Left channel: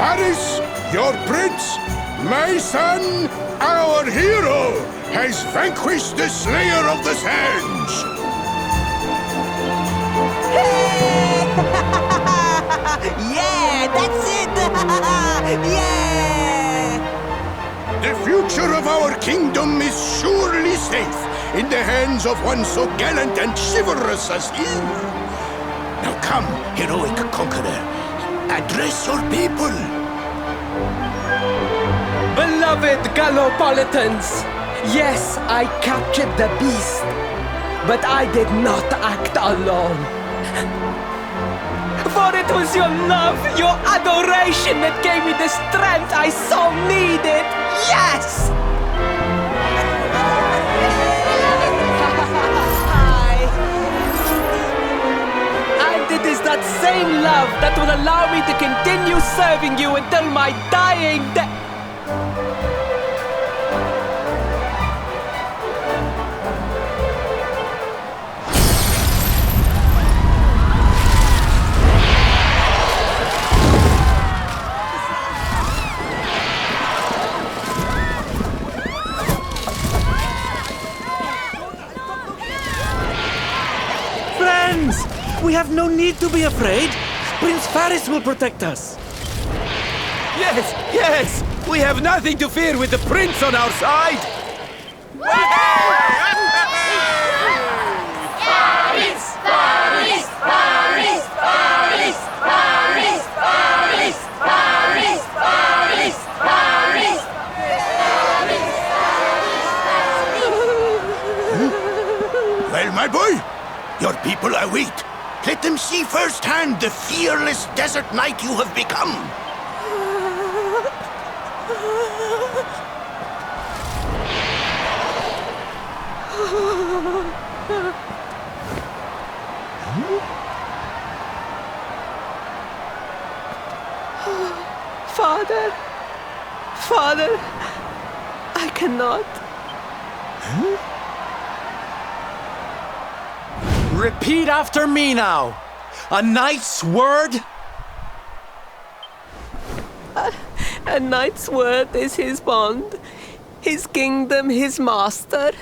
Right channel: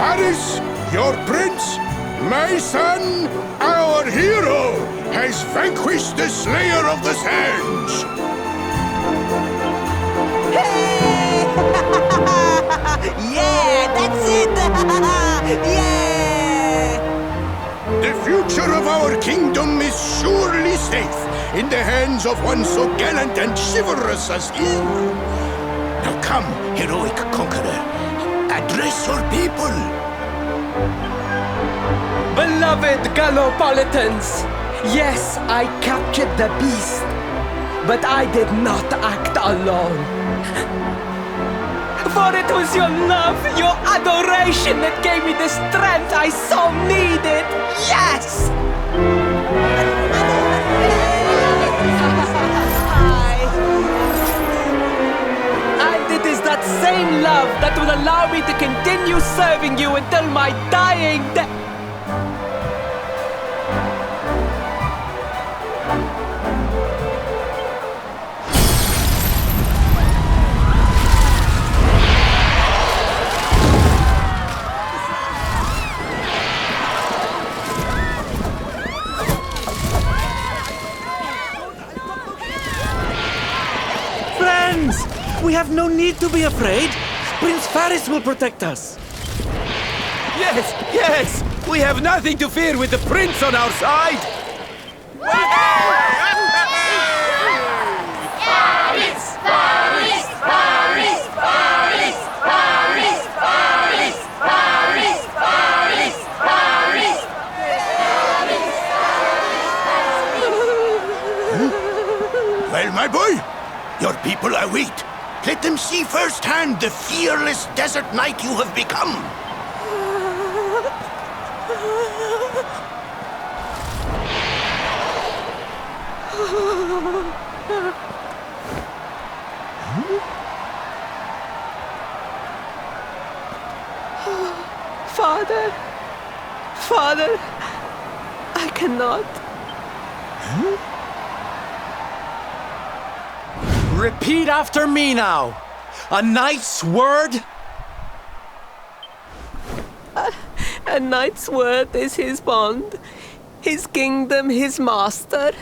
Faris, your prince, my son, our hero, has vanquished the Slayer of the Sands. Hey! Yeah, that's it! Yeah! The future of our kingdom is surely safe in the hands of one so gallant and chivalrous as he. Now come, heroic conqueror, address your people. Beloved Gallopolitans, yes, I captured the beast, but I did not act alone. For it was your love, your adoration that gave me the strength I so needed. Yes! And it is that same love that will allow me to continue serving you until my dying day. We have no need to be afraid. Prince Faris will protect us. Yes, yes! We have nothing to fear with the prince on our side! Faris! Faris! Faris! Faris! Faris! Faris! Faris! Faris! Faris! Well, my boy, your people await. Let them see firsthand the fearless desert knight you have become. Father, Father, I cannot. Repeat after me now. A knight's word? A knight's word is his bond, his kingdom, his master.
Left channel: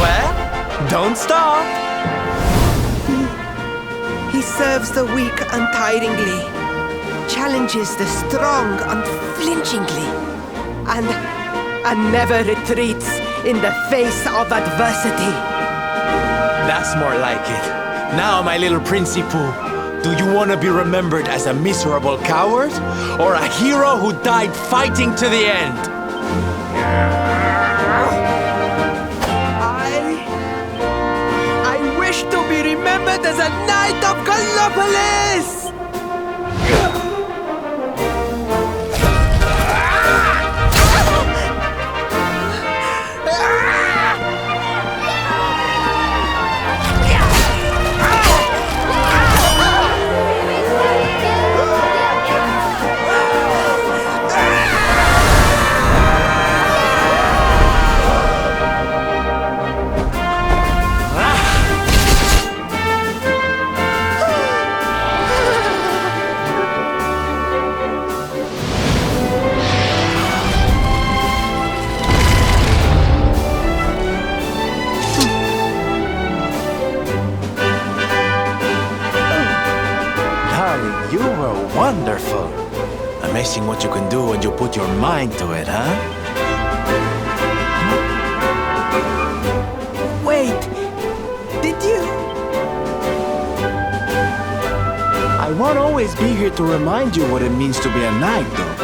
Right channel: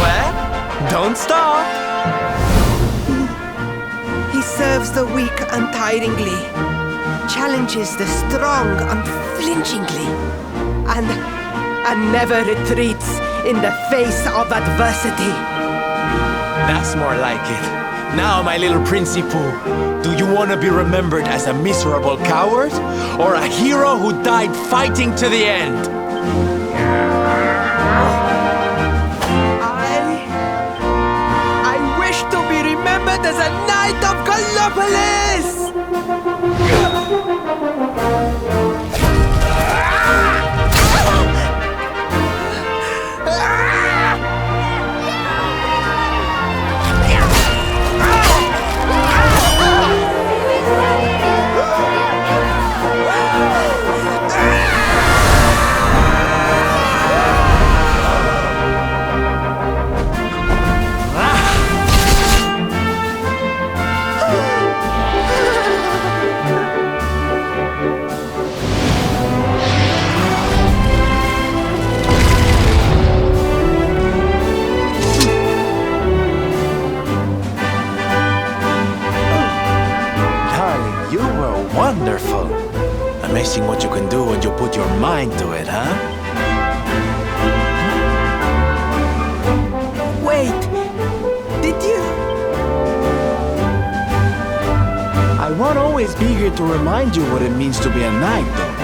Well, don't stop. He serves the weak untiringly, challenges the strong unflinchingly, and never retreats in the face of adversity. That's more like it. Now, my little Princi Poo, do you want to be remembered as a miserable coward or a hero who died fighting to the end? I wish to be remembered as a knight of Gallopolis! You were wonderful. Amazing what you can do when you put your mind to it, huh? Wait, did you? I won't always be here to remind you what it means to be a knight, though.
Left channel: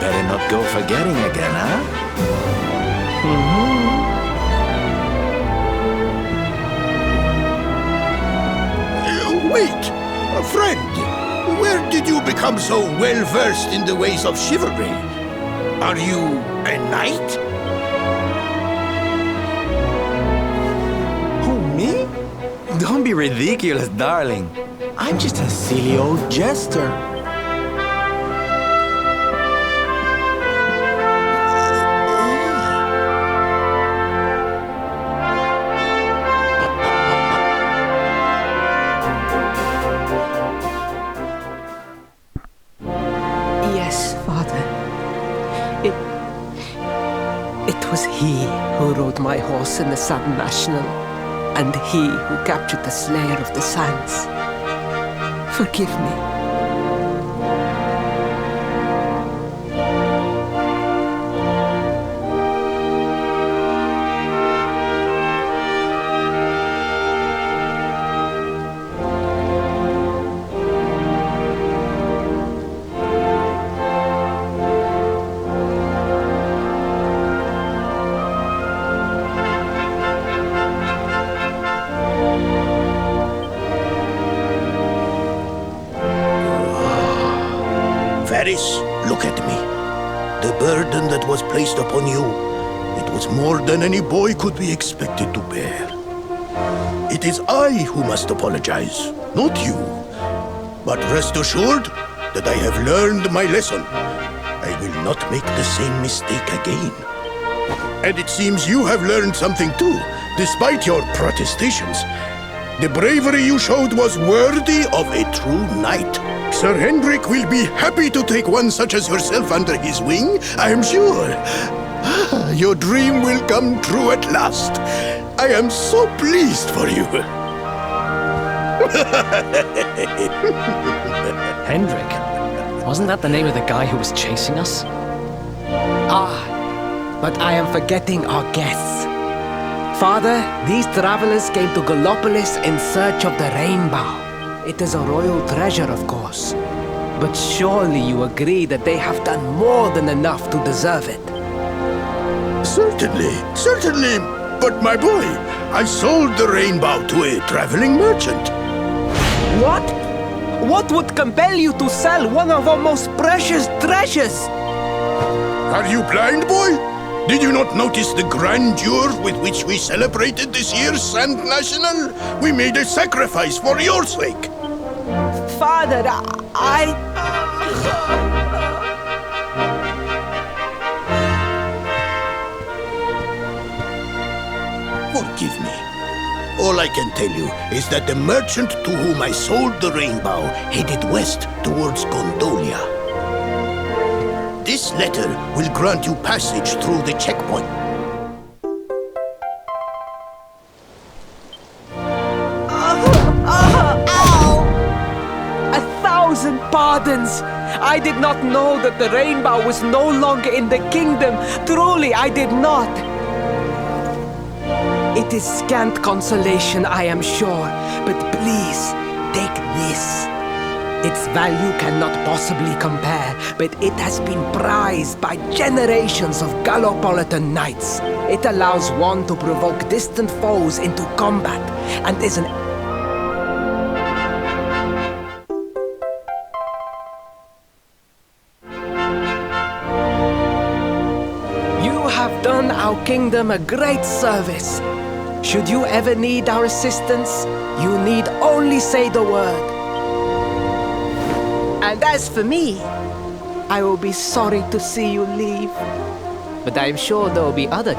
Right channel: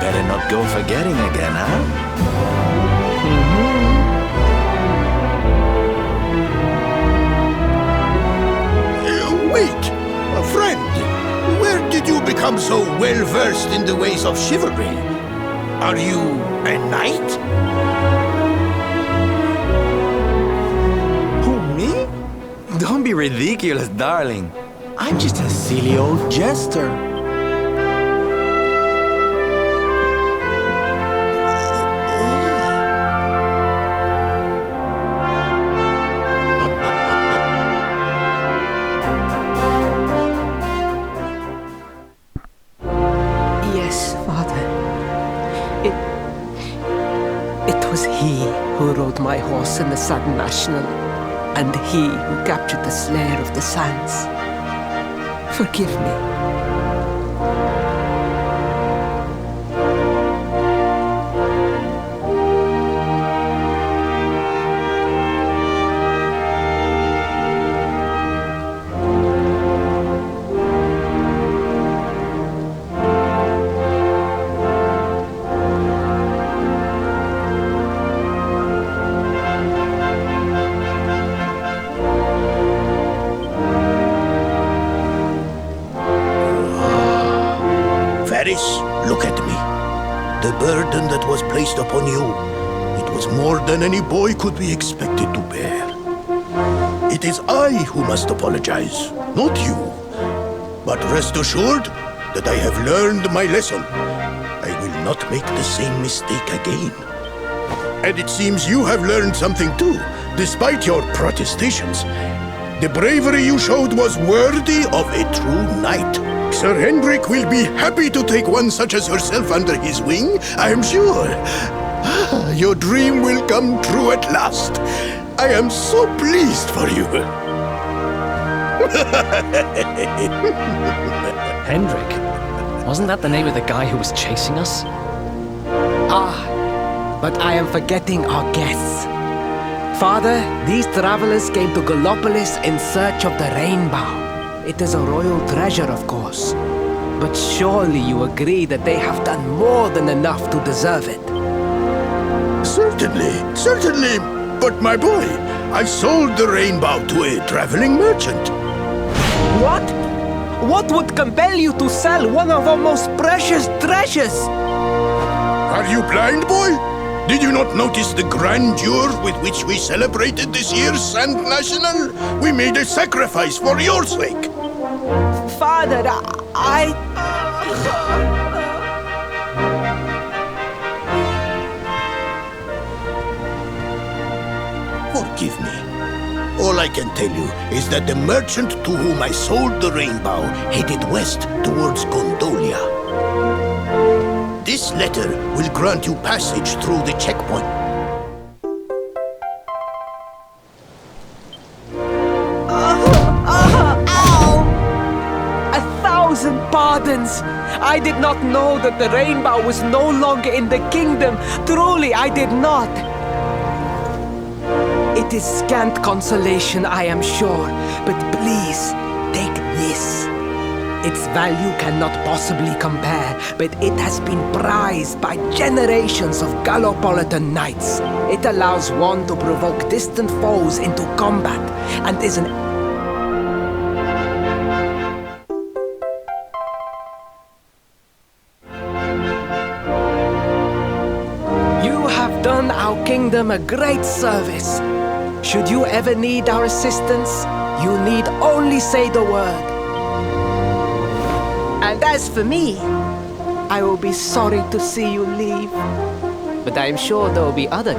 Better not go forgetting again, huh? Wait, a friend. Where did you become so well-versed in the ways of chivalry? Are you a knight? Who, me? Don't be ridiculous, darling. I'm just a silly old jester. he who rode my horse in the Sun National, and he who captured the Slayer of the Sands. Forgive me. Varys, look at me. The burden that was placed upon you, it was more than any boy could be expected to bear. It is I who must apologize, not you. But rest assured that I have learned my lesson. I will not make the same mistake again. And it seems you have learned something too, despite your protestations. The bravery you showed was worthy of a true knight. Sir Hendrik will be happy to take one such as yourself under his wing, I am sure. Your dream will come true at last. I am so pleased for you. Hendrik? Wasn't that the name of the guy who was chasing us? Ah, but I am forgetting our guests. Father, these travelers came to Gallopolis in search of the rainbow. It is a royal treasure, of course. But surely you agree that they have done more than enough to deserve it. Certainly, certainly. But my boy, I sold the rainbow to a traveling merchant. What? What would compel you to sell one of our most precious treasures? Are you blind, boy? Did you not notice the grandeur with which we celebrated this year's Sand National? We made a sacrifice for your sake. Father, I... Forgive me. All I can tell you is that the merchant to whom I sold the rainbow headed west towards Gondolia. This letter will grant you passage through the checkpoint. Ow! 1,000 pardons! I did not know that the rainbow was no longer in the kingdom. Truly, I did not. It is scant consolation, I am sure, but please, take this. Its value cannot possibly compare, but it has been prized by generations of Gallopolitan knights. It allows one to provoke distant foes into combat, and is an... You have done our kingdom a great service. Should you ever need our assistance, you need only say the word. And as for me, I will be sorry to see you leave. But I am sure there will be other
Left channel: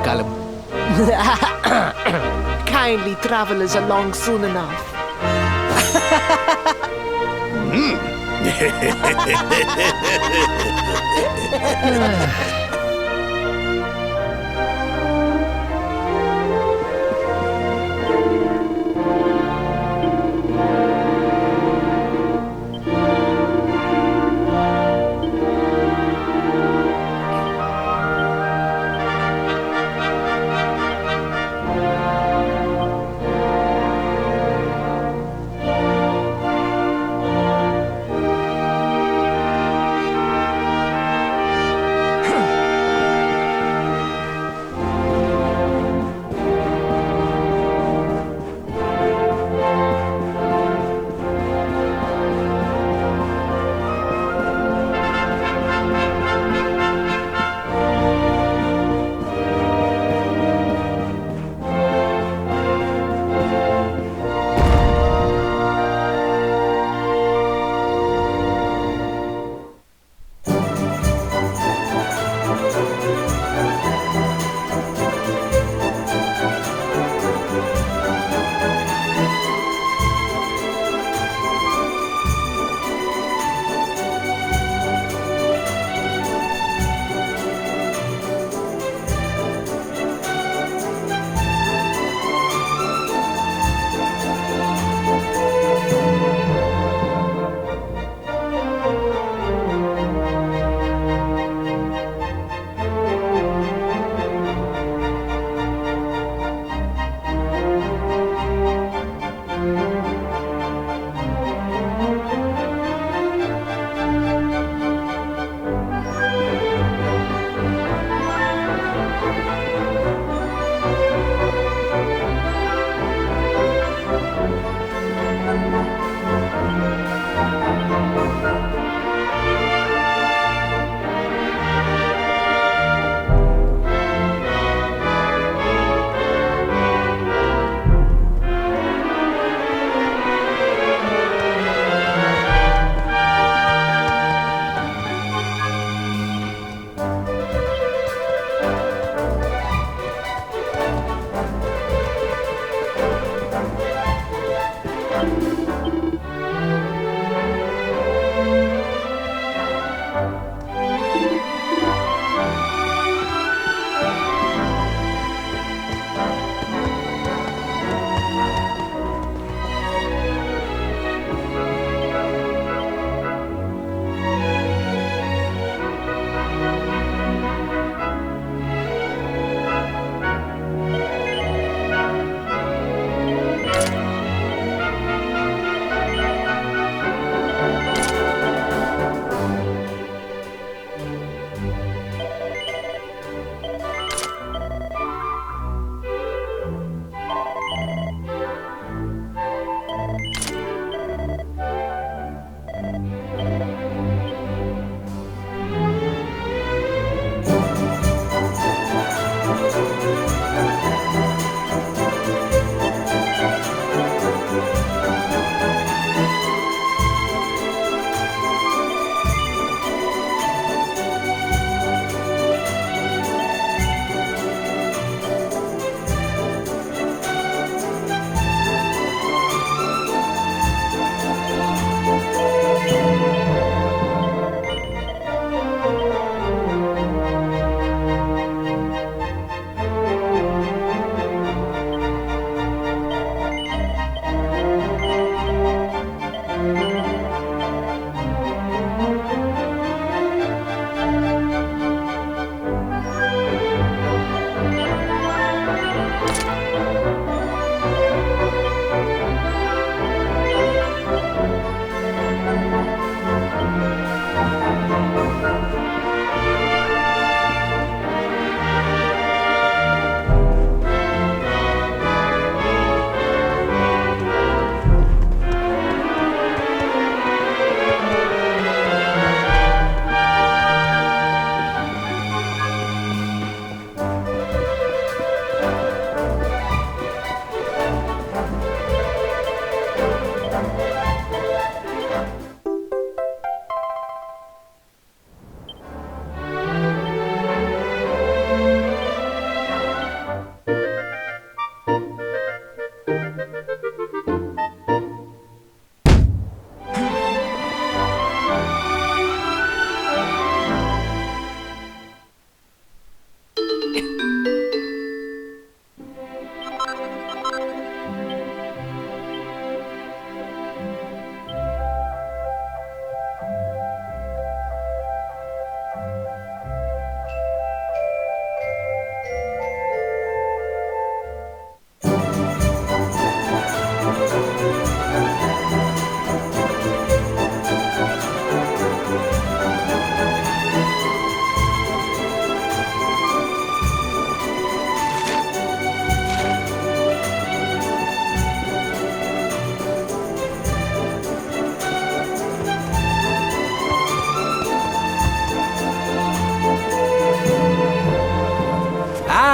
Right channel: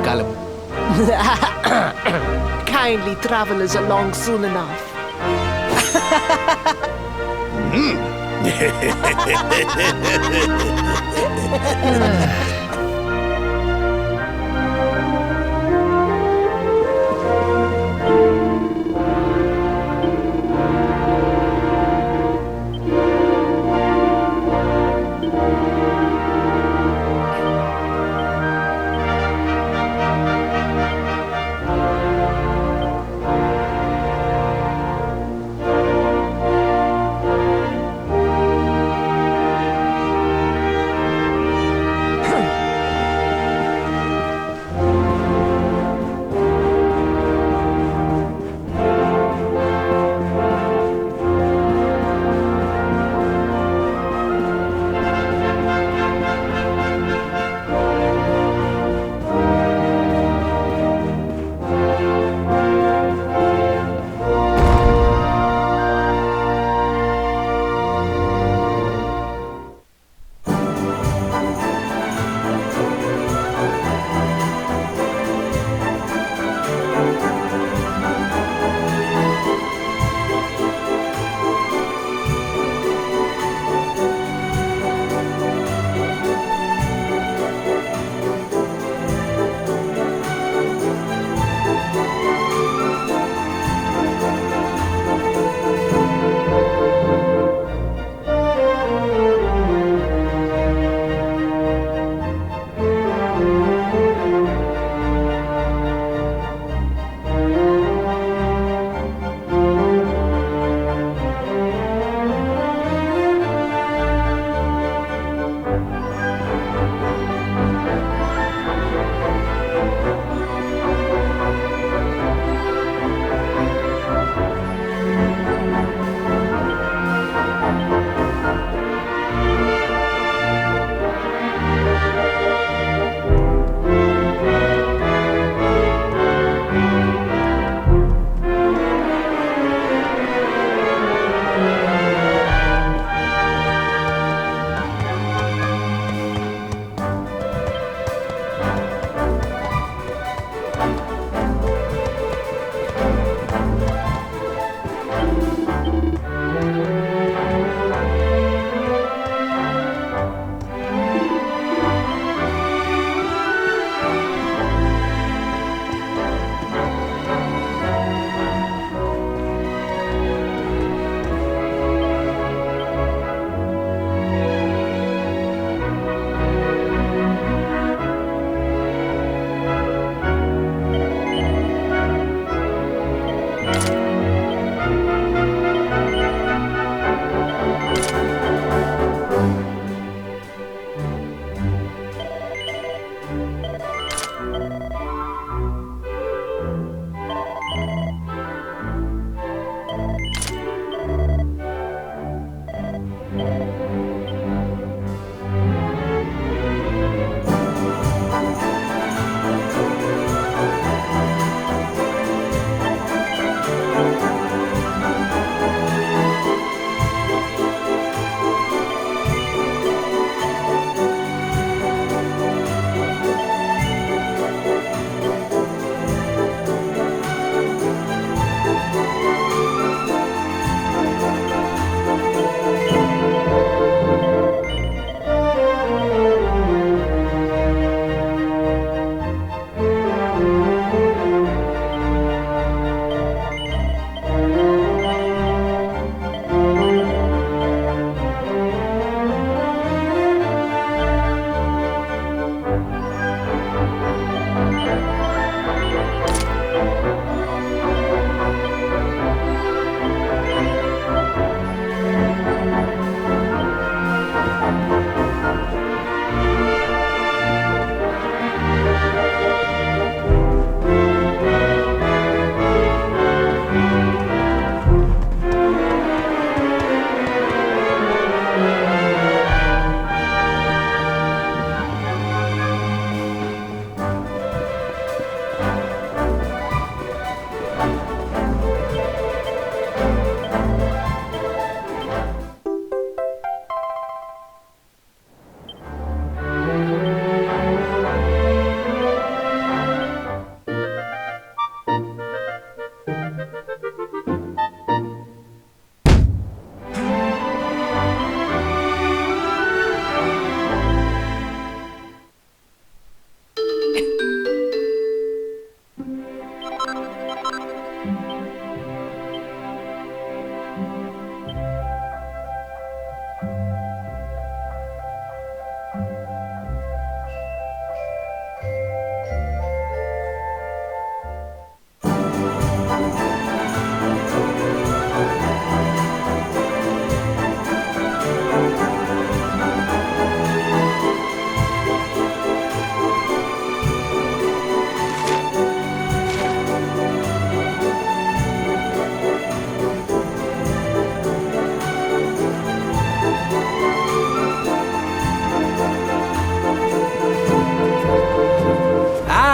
kindly travelers along soon enough.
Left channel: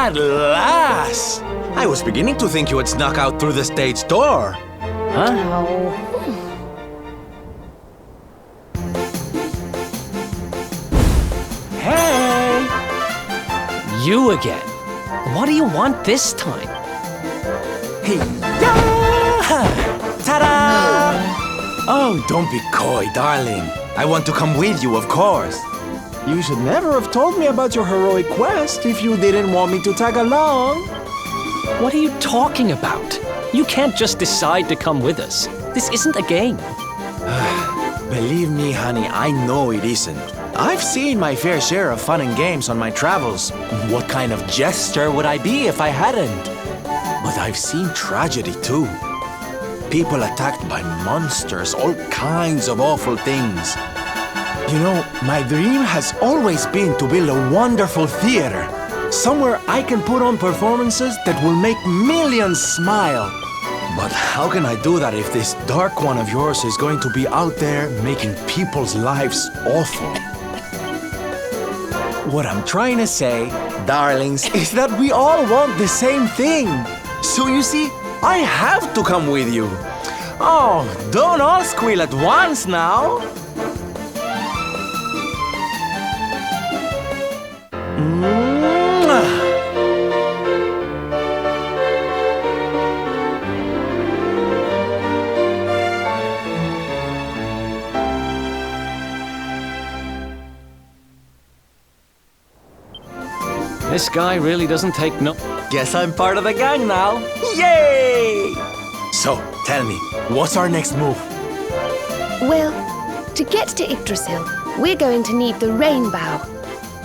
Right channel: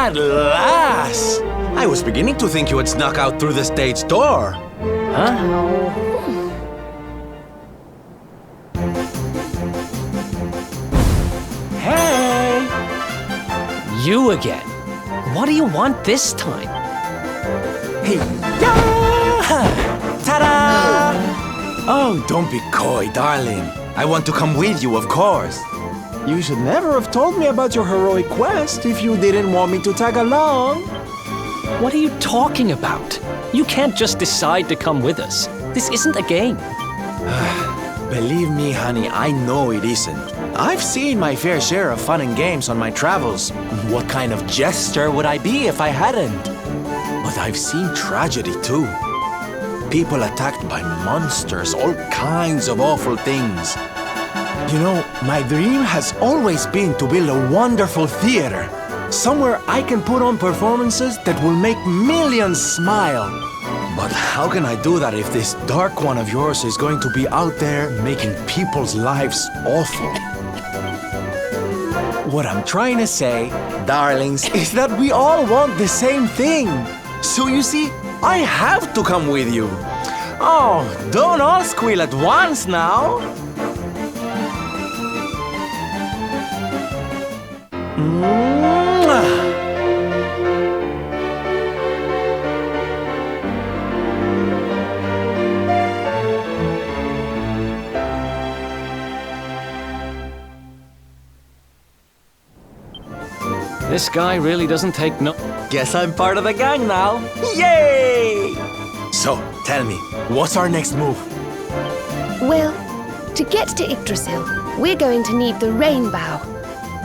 At last! I was beginning to think you had snuck out through the stage door. Hey! You again. What do you want this time? Hey, ta-da! Oh, don't be coy, darling. I want to come with you, of course. You should never have told me about your heroic quest if you didn't want me to tag along. What are you talking about? You can't just decide to come with us. This isn't a game. Believe me, honey, I know it isn't. I've seen my fair share of fun and games on my travels. What kind of jester would I be if I hadn't? But I've seen tragedy too. People attacked by monsters, all kinds of awful things. You know, my dream has always been to build a wonderful theater. Somewhere I can put on performances that will make millions smile. But how can I do that if this dark one of yours is going to be out there making people's lives awful? What I'm trying to say, darlings, is that we all want the same thing. So you see, I have to come with you. Oh, don't all squeal at once now. This guy really doesn't take no... Guess I'm part of the gang now. Yay! So, tell me, what's our next move? Well, to get to Yggdrasil, we're going to need the rainbow.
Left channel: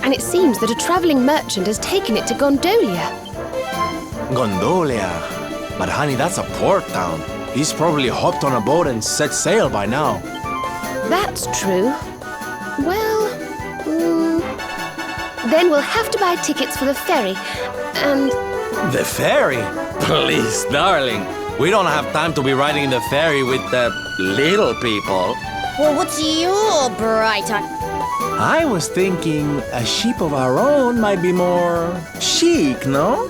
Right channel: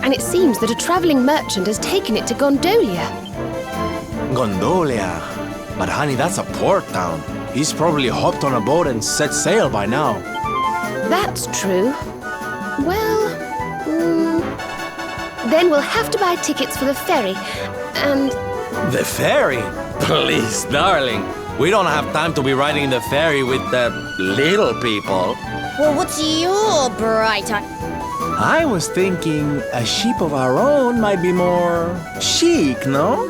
And it seems that a traveling merchant has taken it to Gondolia. Gondolia. But honey, that's a port town. He's probably hopped on a boat and set sail by now. That's true. Well, then we'll have to buy tickets for the ferry, and... The ferry? Please, darling. We don't have time to be riding the ferry with the little people. Well, what's your bright idea? I was thinking a ship of our own might be more chic, no?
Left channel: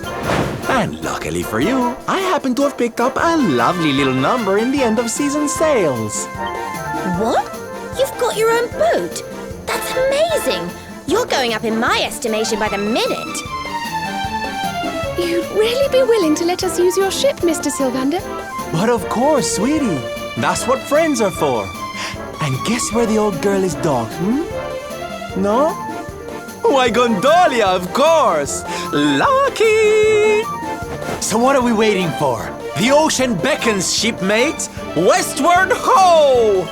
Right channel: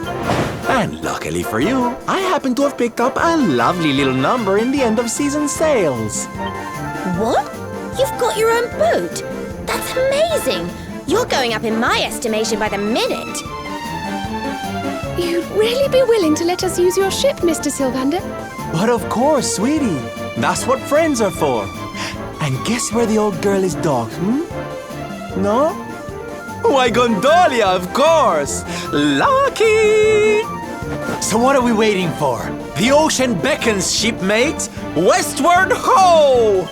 And luckily for you, I happen to have picked up a lovely little number in the end of season sales. What? You've got your own boat? That's amazing! You're going up in my estimation by the minute. You'd really be willing to let us use your ship, Mr. Sylvander? But of course, sweetie. That's what friends are for. And guess where the old girl is docked, No? Why, Gondolia, of course! Lucky! So what are we waiting for? The ocean beckons, shipmates! Westward ho!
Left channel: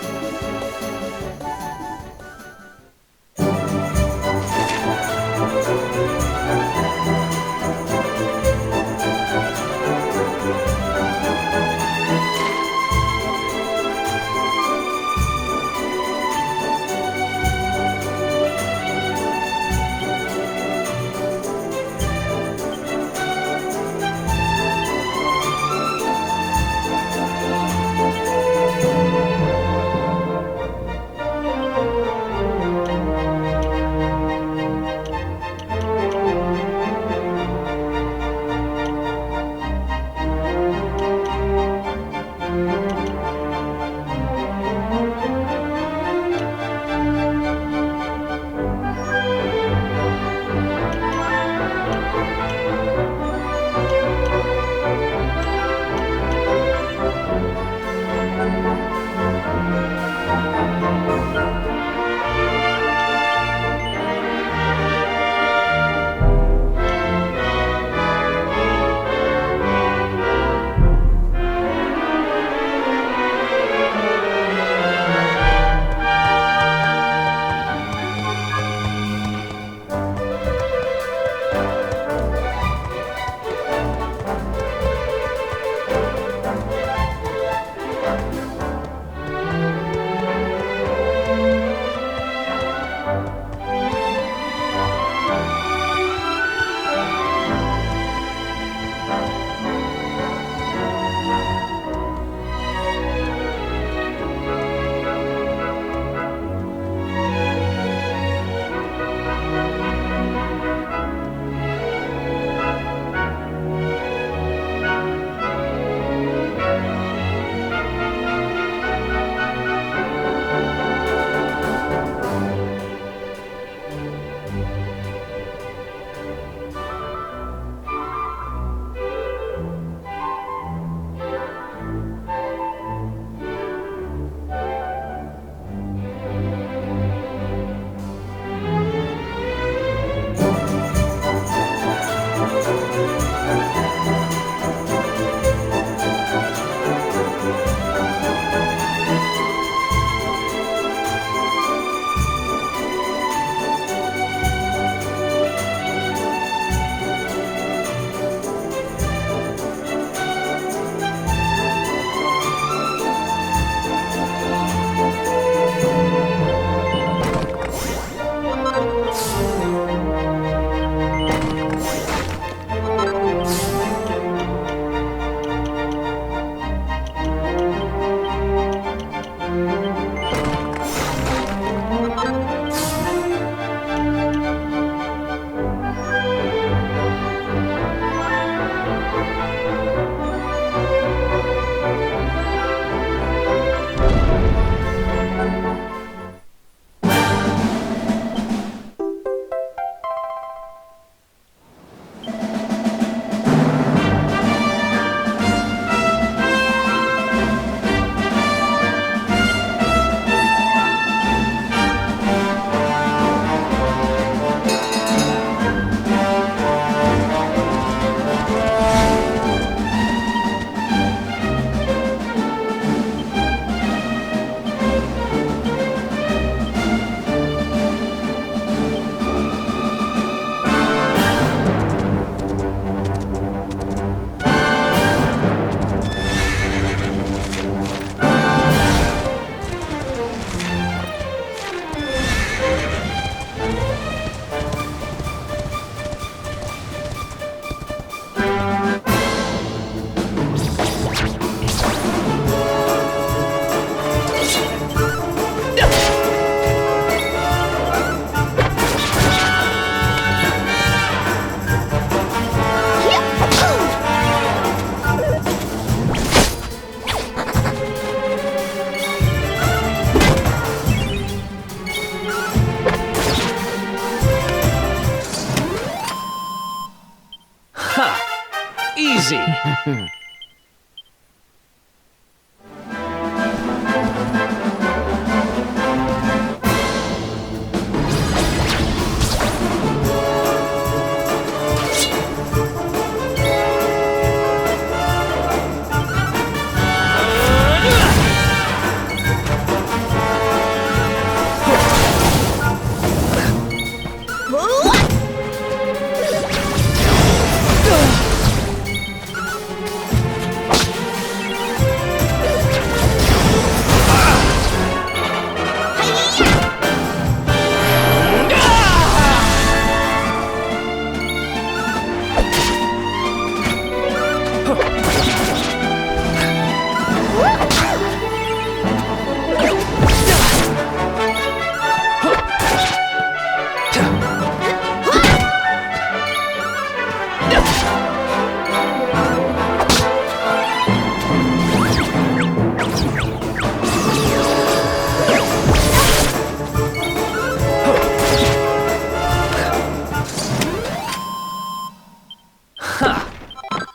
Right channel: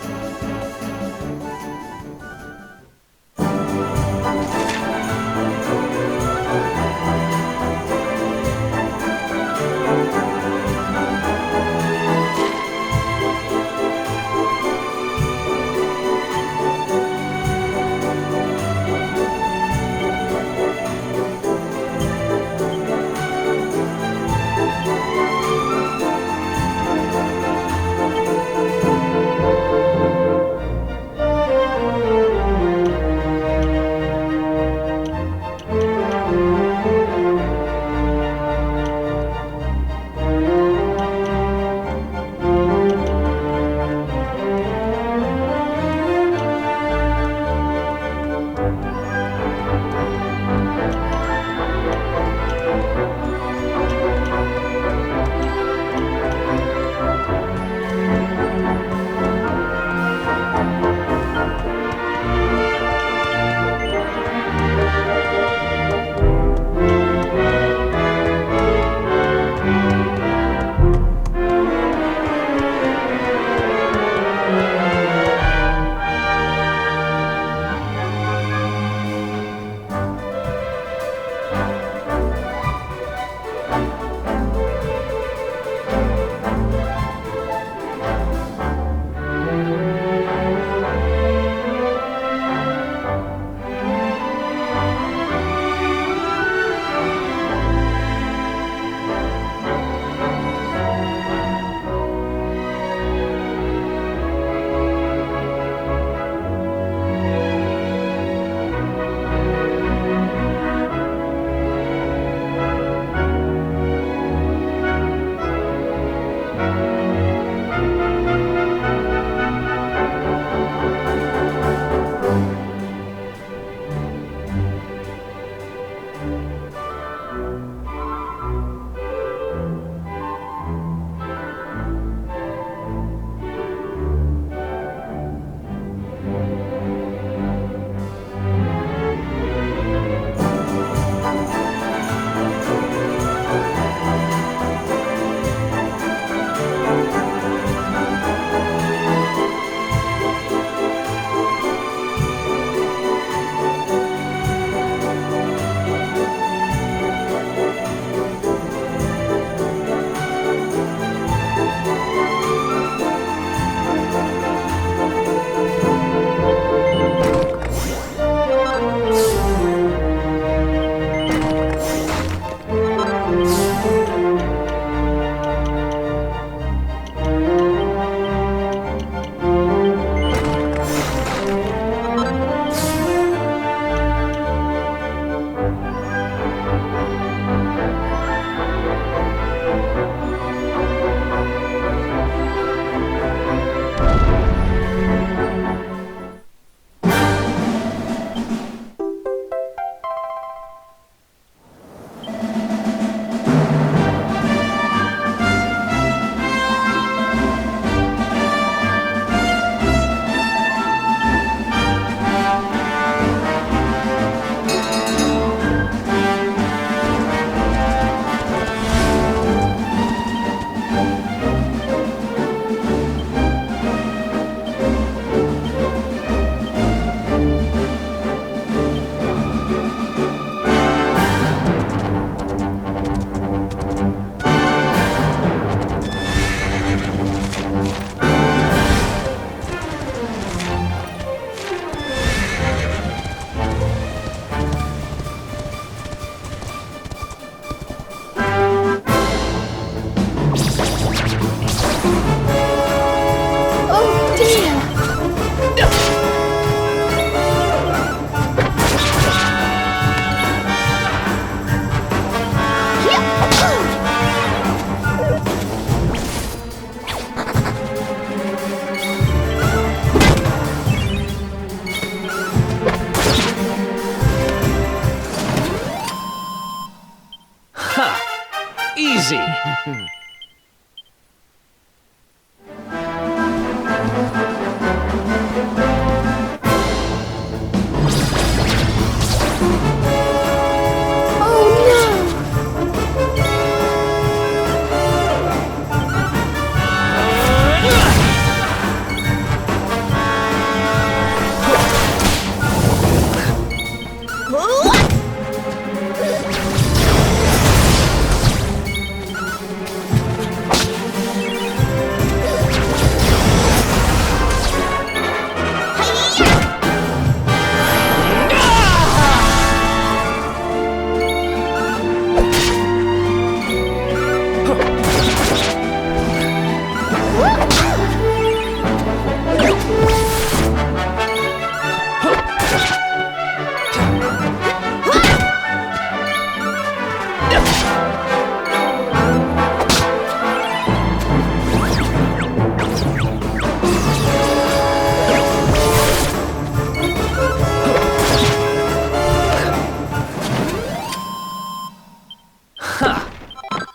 Easy.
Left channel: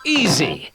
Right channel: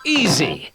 Easy.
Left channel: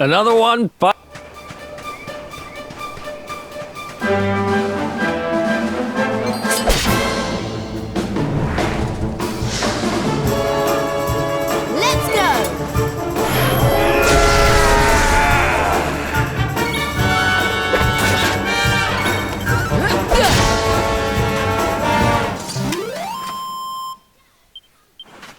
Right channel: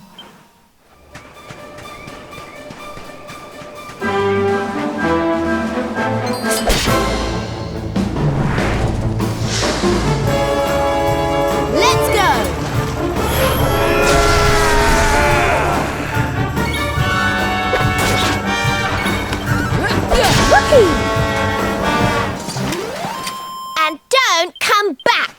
Another one, but... Let's go! And don't come back!